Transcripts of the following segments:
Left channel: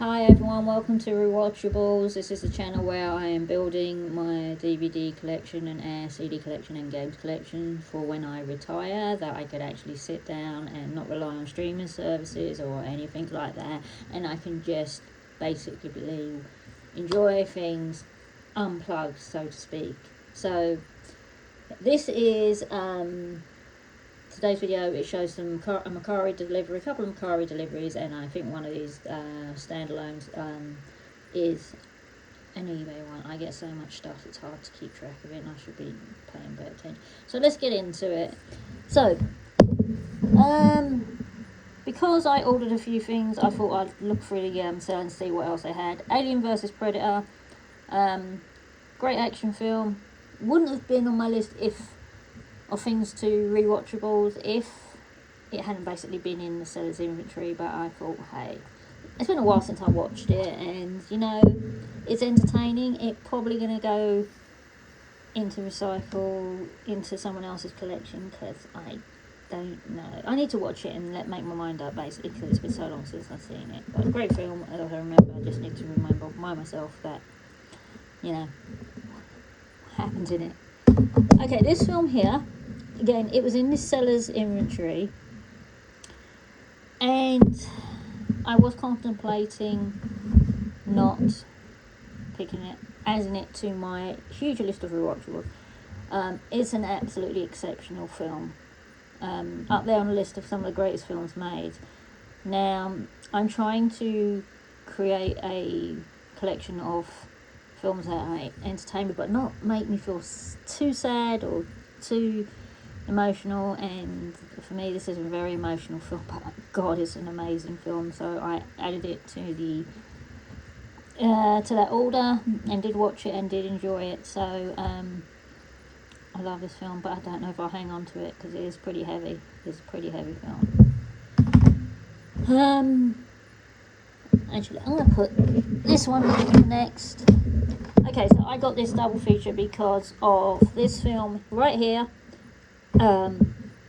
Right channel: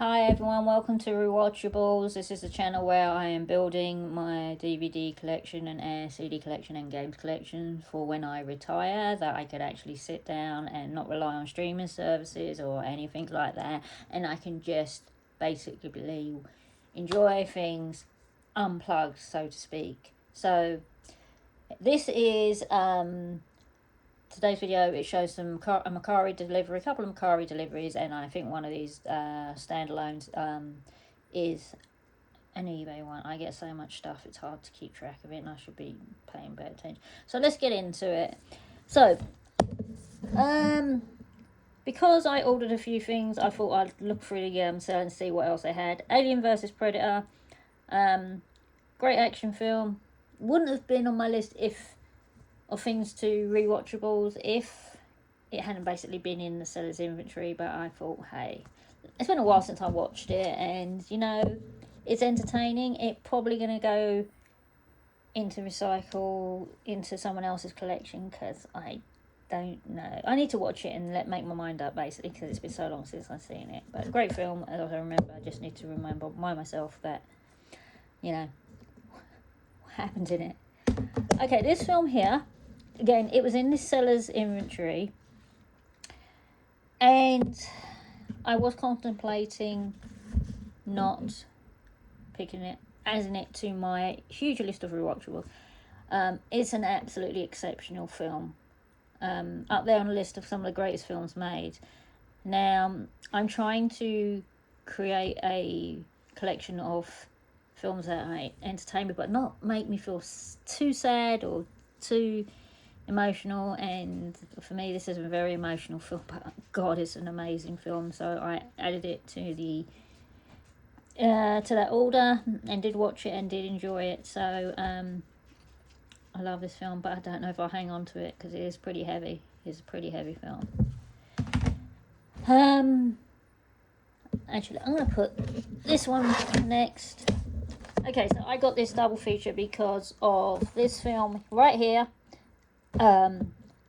Hi everyone, welcome to Rewatchables. This is the channel where I am building my DVD collection and CD collection and games collection for when I retire, that I could actually sit down and not rely on streaming services or anything like that, and I can just basically enjoy things unplugged, so to speak. So this is today's video. It shows some Macari delivery, a couple of Macari deliveries, and I think one of these standalones is an eBay one. I get so much stuff, it's hard to keep track of it, and I should be paying better attention. So let's get into it. So, because I ordered a few things, I thought I'd look through the sale and see what else they had. Alien vs Predator, great action film. Wouldn't have been on my list of things to rewatchables if it hadn't basically been in the seller's inventory, but I thought, hey, it's been a while since I watched it, and it's entertaining. It's probably going to go into recycle into someone else's collection because I don't know. I need to watch it and make my mind up, basically, because it's been so long since I've seen it. But a great film, as I remember. I just need to remind myself that what happens in it. Okay, this film here, again, it was in the seller's inventory, and I was contemplating not picking it, adding it to my huge list of rewatchables. It's an absolutely exceptional film, up there on the list of some of the greatest films made. Now, I'm trying to create a collection of films that entertain me but not make me feel too sad or too emotional, and for me this is a very emotional film, but God, it's an amazing film, so I added it to that order and did watch it and did enjoy it. So I love this film, but I don't know if I'll hang on to it because it is pretty heavy. It's a pretty heavy film. Actually, I'm going to put this one next. Okay, so I got this double feature because of this film right here.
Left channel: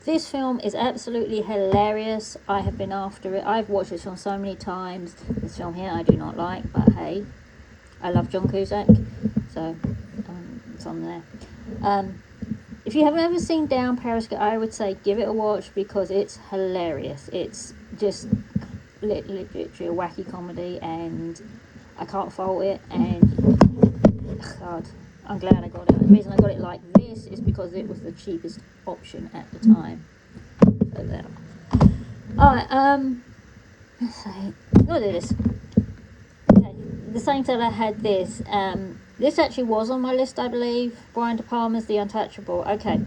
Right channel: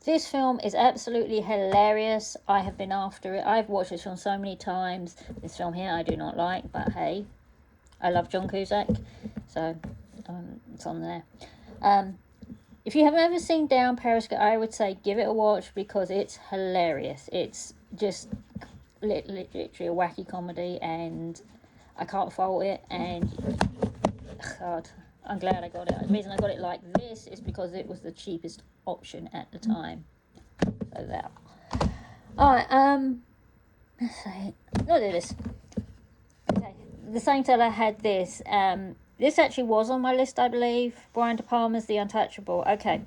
This film is absolutely hilarious. I have been after it. I've watched this film so many times. This film here I do not like, but hey, I love John Cusack, so it's on there. If you haven't ever seen Down Periscope, I would say give it a watch because it's hilarious. It's just literally a wacky comedy, and I can't fault it. And God, I'm glad I got it. The reason I got it like this is because it was the cheapest option at the time. So that. Alright, let's see. Look at this. Okay, the same seller had this. This actually was on my list, I believe. Brian De Palma's The Untouchable. Okay.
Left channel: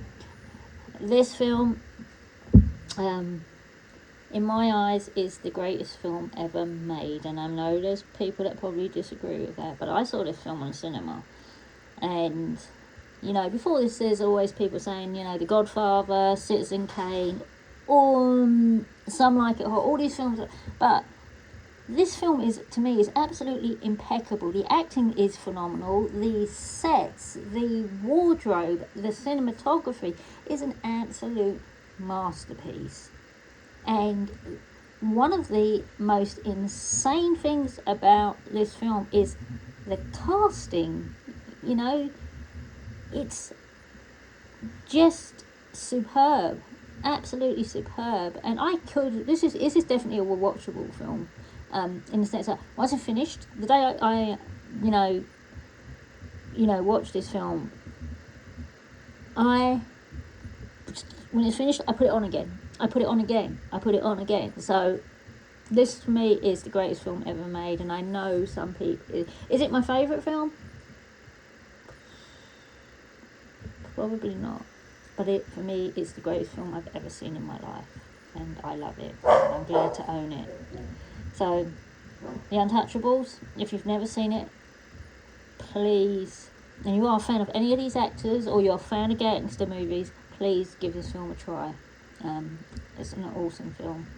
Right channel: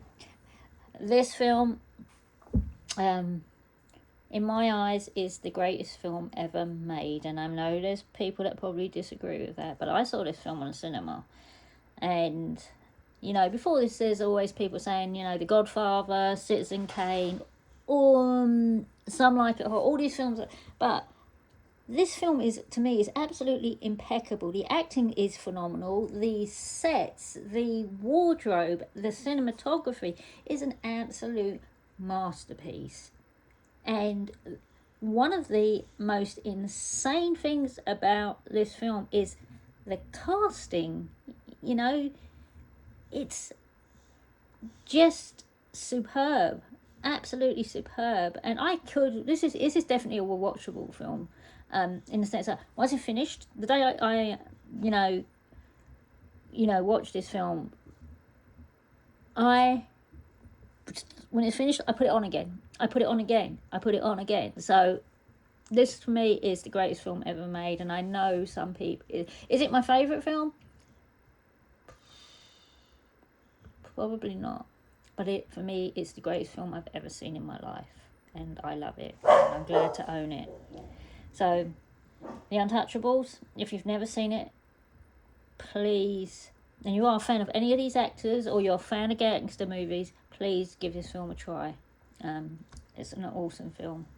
This film, in my eyes, is the greatest film ever made. And I know there's people that probably disagree with that, but I saw this film on cinema. And, before this, there's always people saying, The Godfather, Citizen Kane, Some Like It Hot, all these films. But this film to me, is absolutely impeccable. The acting is phenomenal. The sets, the wardrobe, the cinematography is an absolute masterpiece. And one of the most insane things about this film is the casting. It's just superb, absolutely superb. And this is definitely a watchable film, in the sense that once I finished, the day I watched this film, when it's finished, I put it on again. I put it on again. So this for me is the greatest film ever made, and I know some people. Is it my favourite film? Probably not, but for me, it's the greatest film I've ever seen in my life, and I love it, and I'm glad to own it. So, The Untouchables, if you've never seen it, please, and you are a fan of any of these actors, or you're a fan of gangster movies, please give this film a try. It's an awesome film.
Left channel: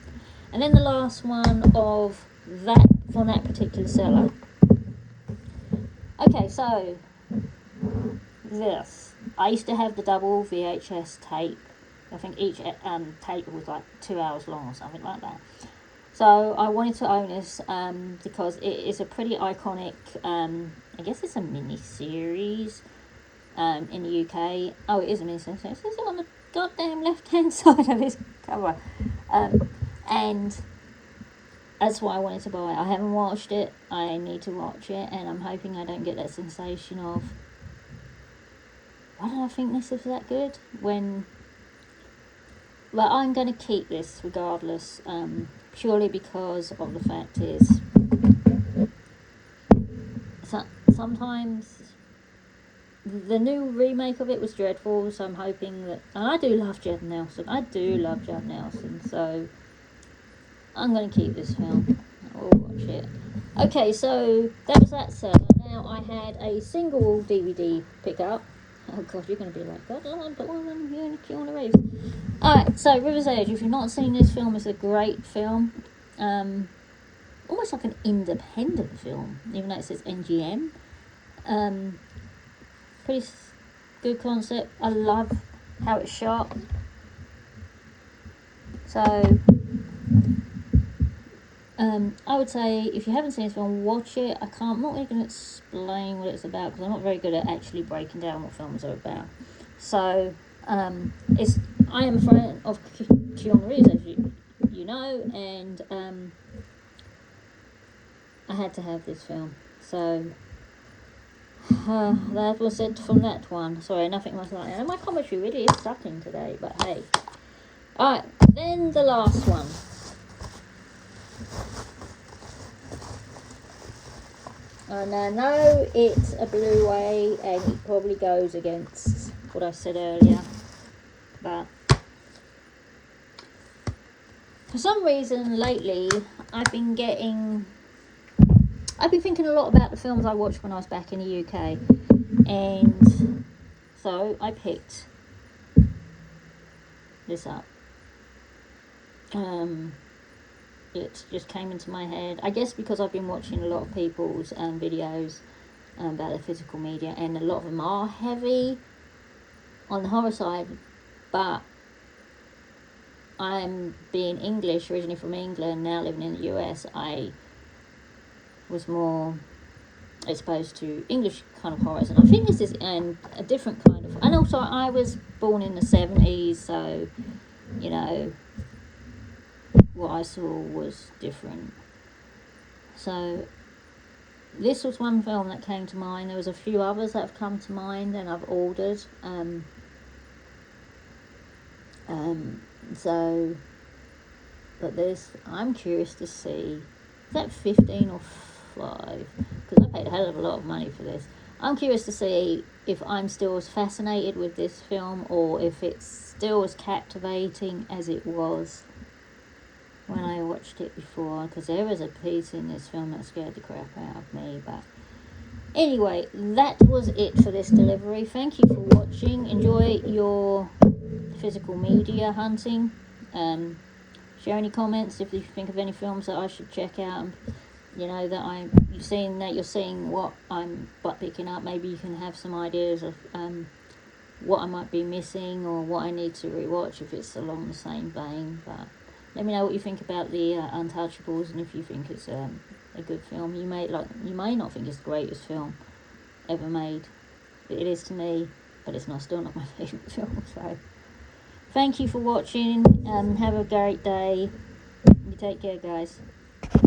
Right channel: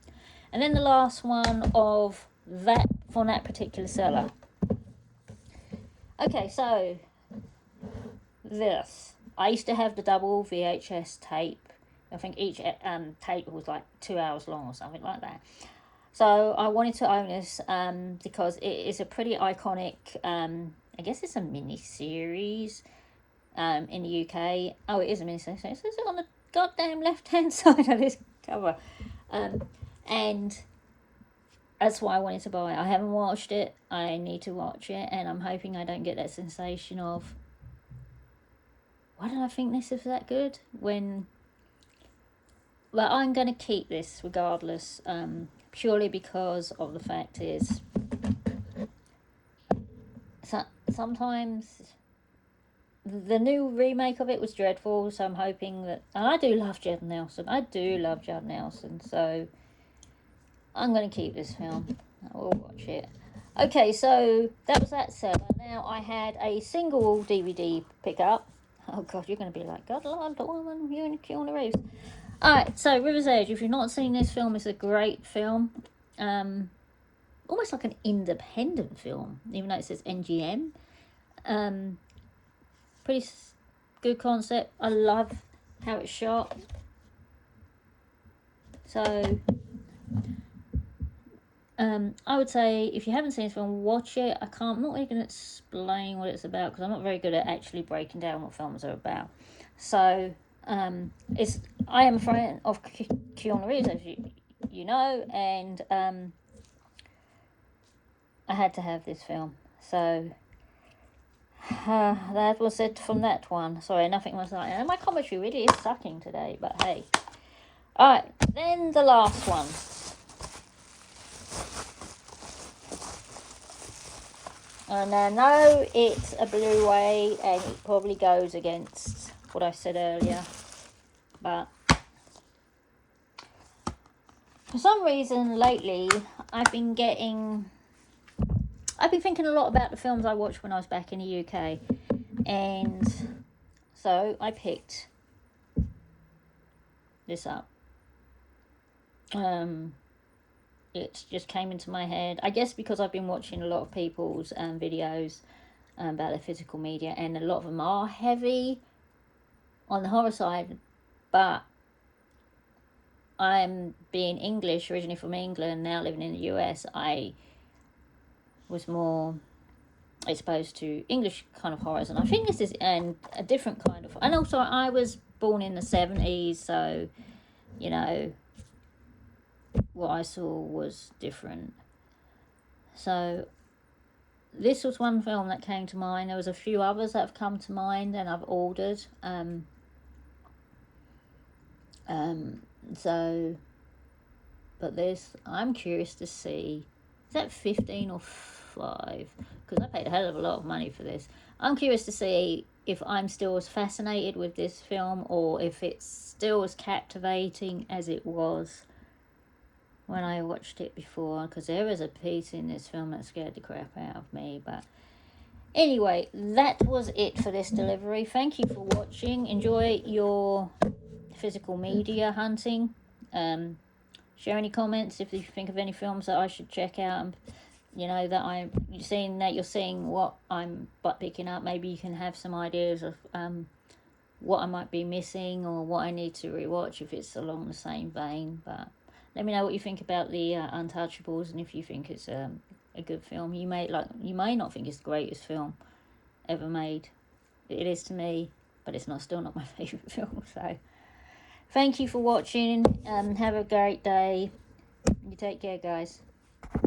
And then the last one of that, for that particular seller. Okay, so this. I used to have the double VHS tape. I think each tape was like 2 hours long or something like that. So I wanted to own this because it is a pretty iconic, I guess it's a mini-series in the UK. Oh, it is a mini-series. It says it on the goddamn left-hand side of this cover. And that's why I wanted to buy it. I haven't watched it. I need to watch it, and I'm hoping I don't get that sensation of, why did I think this was that good? When, well, I'm going to keep this regardless, purely because of the fact is, sometimes the new remake of it was dreadful, so I'm hoping that, and I do love Judd Nelson, so I'm going to keep this film. I will watch it. Okay, so that was that seller. Now I had a single DVD pickup. Oh god, you're going to be like, God, Lord, but woman, you and Keanu Reeves. Alright, so River's Edge. If you've not seen this film, it's a great film. Almost like an independent film, even though it says NGM. Pretty good concept. I love how it's shot. So I would say if you haven't seen this film, watch it. I'm not really going to explain what it's about because I'm not very good at actually breaking down what films are about. So I am a fan of Keanu Reeves, as you know, and I had to have this film. So that was it from that one. Sorry, nothing was like that. My commentary really is sucking today, but hey. Alright, then the last one. And I know it's a Blu-ray and it probably goes against what I said earlier, but for some reason lately I've been thinking a lot about the films I watched when I was back in the UK, and so I picked this up. It just came into my head, I guess because I've been watching a lot of people's videos about their physical media, and a lot of them are heavy on the horror side, but I'm being English, originally from England, now living in the US, I was more exposed to English kind of horrors, and I think this is a different kind of, and also I was born in the 70s, so you know what I saw was different. So this was one film that came to mind. There was a few others that have come to mind and I've ordered. But this, I'm curious to see, is that 15 or 5? Because I paid a hell of a lot of money for this. I'm curious to see if I'm still as fascinated with this film, or if it's still as captivating as it was when I watched it before, because there was a piece in this film that scared the crap out of me. But anyway, that was it for this delivery. Thank you for watching. Enjoy your physical media hunting. Share any comments if you think of any films that I should check out, and you know that you're seeing what I'm picking up. Maybe you can have some ideas of what I might be missing or what I need to rewatch if it's along the same vein. But let me know what you think about the Untouchables, and if you think it's a good film. You may not think it's the greatest film ever made. It is to me, but it's still not my favourite film. So thank you for watching. Have a great day. You take care, guys.